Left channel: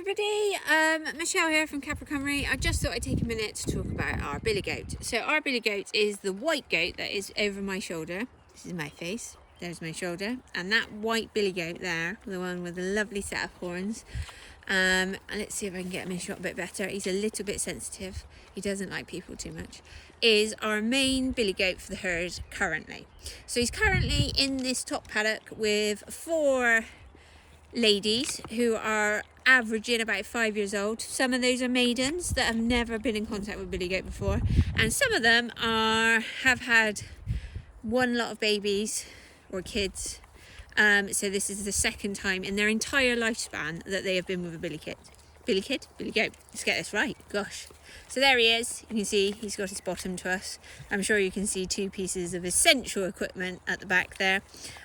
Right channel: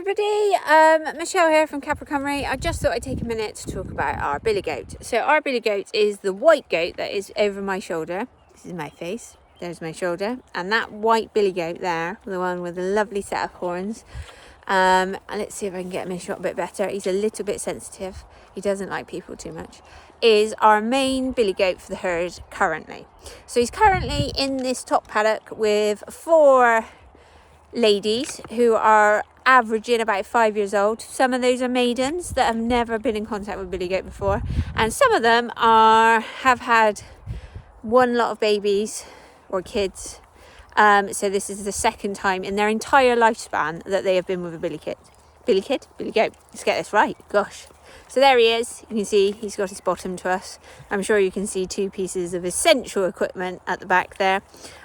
everybody, Michelle here from Capra Cymru. I just thought I'd take a minute to talk about our billy goat. So our billy goat is the white goat that is over my shoulder. This is my face, there's my shoulder, and that white billy goat there, the one with a lovely set of horns. And let's see if I can get him in shot a bit better. He's a little bit sensitive, he doesn't like people too much. Is our main billy goat for the herd currently. So he's currently in this top paddock with 4 ladies who are averaging about 5 years old. Some of those are maidens that have never been in contact with billy goat before, and some of them have had one lot of babies or kids. So this is the second time in their entire lifespan that they have been with a billy goat. Let's get this right, gosh. So there he is. You can see he's got his bottom to us. I'm sure you can see 2 pieces of essential equipment at the back there.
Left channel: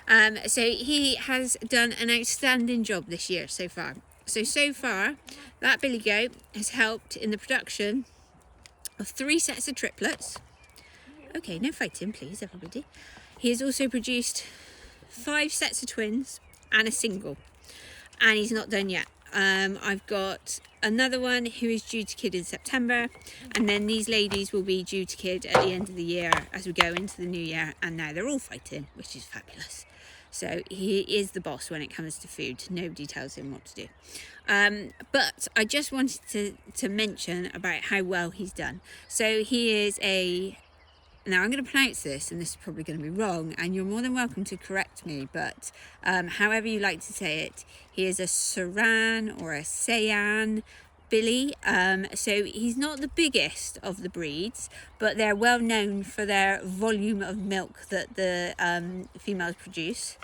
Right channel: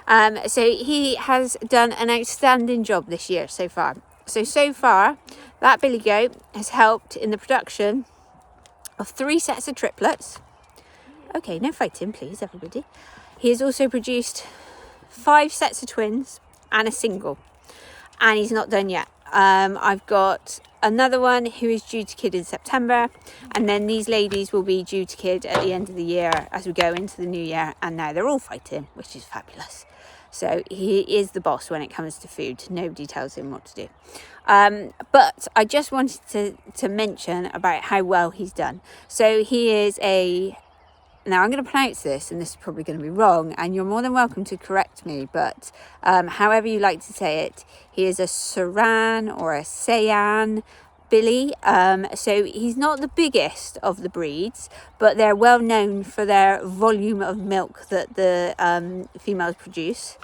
So he has done an outstanding job this year so far. So far, that billy goat has helped in the production of 3 sets of triplets. Okay, no fighting, please, everybody. He has also produced 5 sets of twins and a single. And he's not done yet. I've got another one who is due to kid in September, and then these ladies will be due to kid at the end of the year as we go into the new year, and now they're all fighting, which is fabulous. So he is the boss when it comes to food. Nobody tells him what to do. But I just wanted to mention about how well he's done. So he is now I'm going to pronounce this, and this is probably going to be wrong, and you're more than welcome to correct me, but however you like to say it, he is a Saran or a Saiyan billy. So he's not the biggest of the breeds, but they're well known for their volume of milk that the females produce.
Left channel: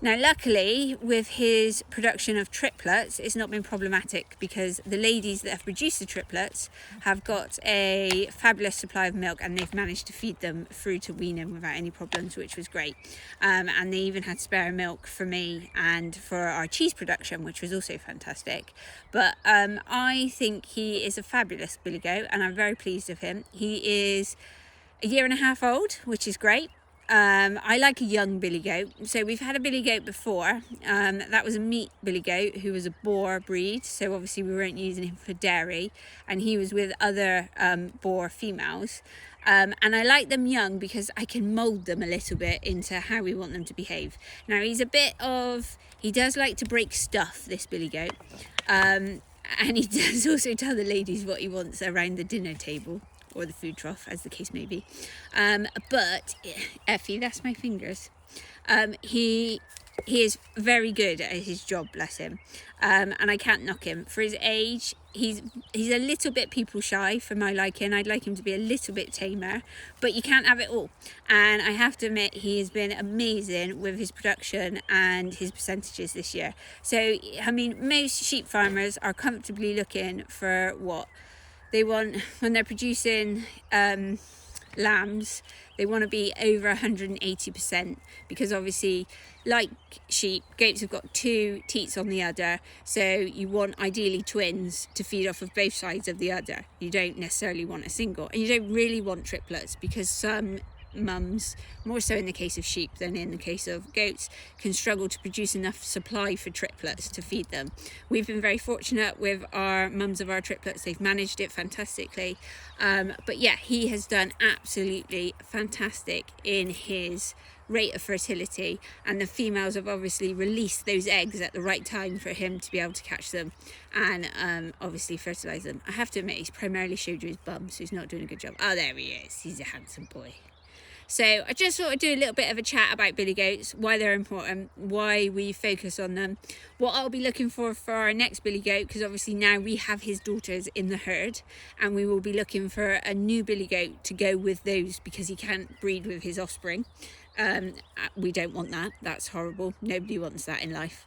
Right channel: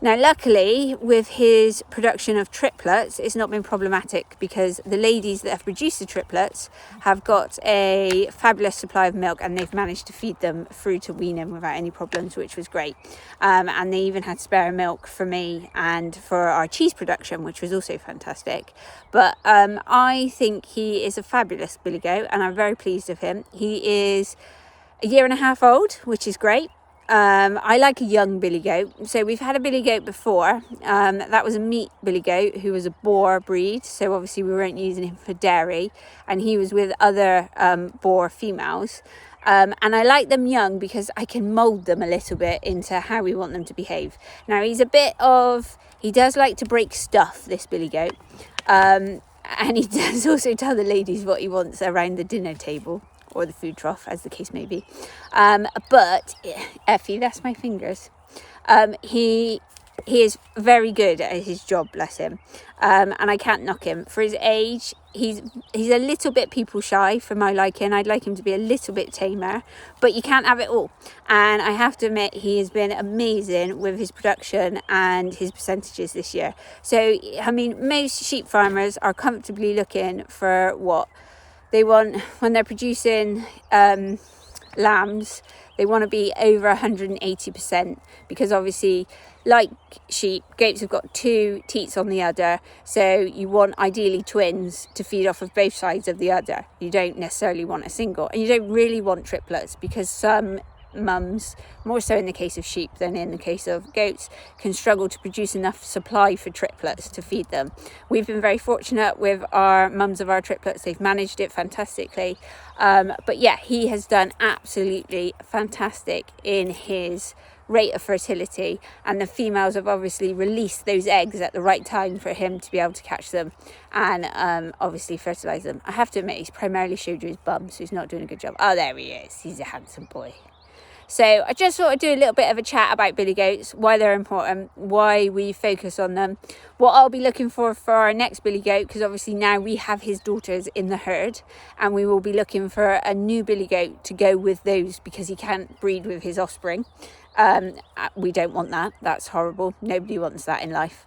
Now, luckily, with his production of triplets, it's not been problematic because the ladies that have produced the triplets have got a fabulous supply of milk, and they've managed to feed them through to weaning without any problems, which was great. And they even had spare milk for me and for our cheese production, which was also fantastic. But I think he is a fabulous billy goat, and I'm very pleased with him. He is a 1.5 years old, which is great. I like a young billy goat. So we've had a billy goat before. That was a meat billy goat who was a boar breed. So obviously we weren't using him for dairy, and he was with other boar females. And I like them young because I can mould them a little bit into how we want them to behave. Now he does like to break stuff, this billy goat. And he does also tell the ladies what he wants around the dinner table, or the food trough, as the case may be. But Effie, that's my fingers. He is very good at his job, bless him. And I can't knock him for his age. He's a little bit people shy for my liking. I'd like him to be a little bit tamer, but you can't have it all. And I have to admit, he has been amazing with his production and his percentages this year. So I mean, most sheep farmers are comfortably looking for what they want when they're producing lambs. They want to be over 180%, because obviously, like sheep, goats have got 2 teats on the udder, so you want ideally twins to feed off of both sides of the udder. You don't necessarily want a single, and you don't really want triplets, because some mums, more so in the case of sheep than in the case of goats, can struggle to produce enough supply for triplets to feed them. We've been very fortunate with our mums of our triplets. They've managed it fantastically. But yeah, he has done absolutely fantastic in his rate of fertility, and the females have obviously released those eggs at the right time for him to be able to catch them and obviously fertilize them. I have to admit, he's primarily showed you his bum, so he's not doing a good job. Oh, there he is. He's a handsome boy. So I just thought I'd do a little bit of a chat about billy goats, why they're important, why we focus on them, what I'll be looking for our next billy goat, because obviously now we have his daughters in the herd, and we will be looking for a new billy goat to go with those, because he can't breed with his offspring. We don't want that. That's horrible. Nobody wants that in life.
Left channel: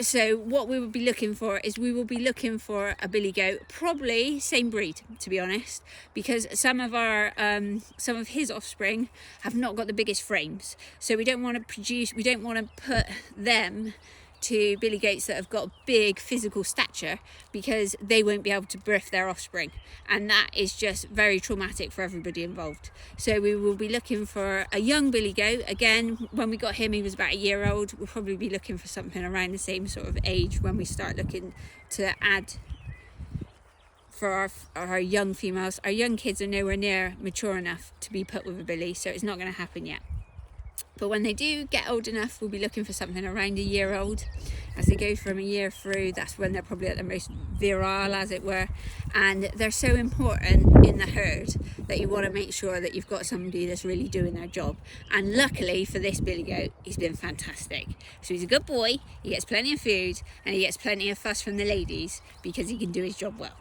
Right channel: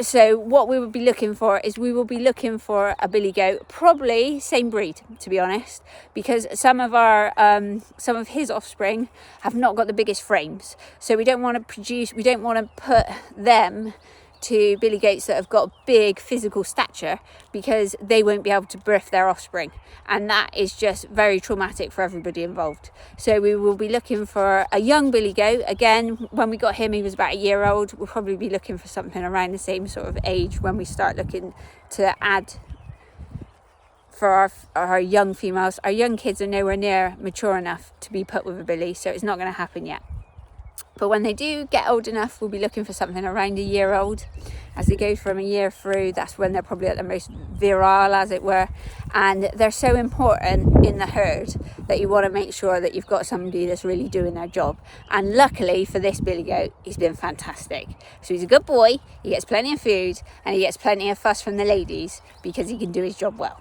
So what we will be looking for is a billy goat, probably same breed, to be honest, because some of his offspring have not got the biggest frames, so we don't want to put them to billy goats that have got a big physical stature, because they won't be able to birth their offspring, and that is just very traumatic for everybody involved. So we will be looking for a young billy goat. Again, when we got him, he was about a year old. We'll probably be looking for something around the same sort of age when we start looking to add for our young females. Our young kids are nowhere near mature enough to be put with a billy, so it's not going to happen yet. But when they do get old enough, we'll be looking for something around a year old. As they go from a year through, that's when they're probably at their most virile, as it were. And they're so important in the herd that you want to make sure that you've got somebody that's really doing their job. And luckily for this billy goat, he's been fantastic. So he's a good boy, he gets plenty of food, and he gets plenty of fuss from the ladies because he can do his job well.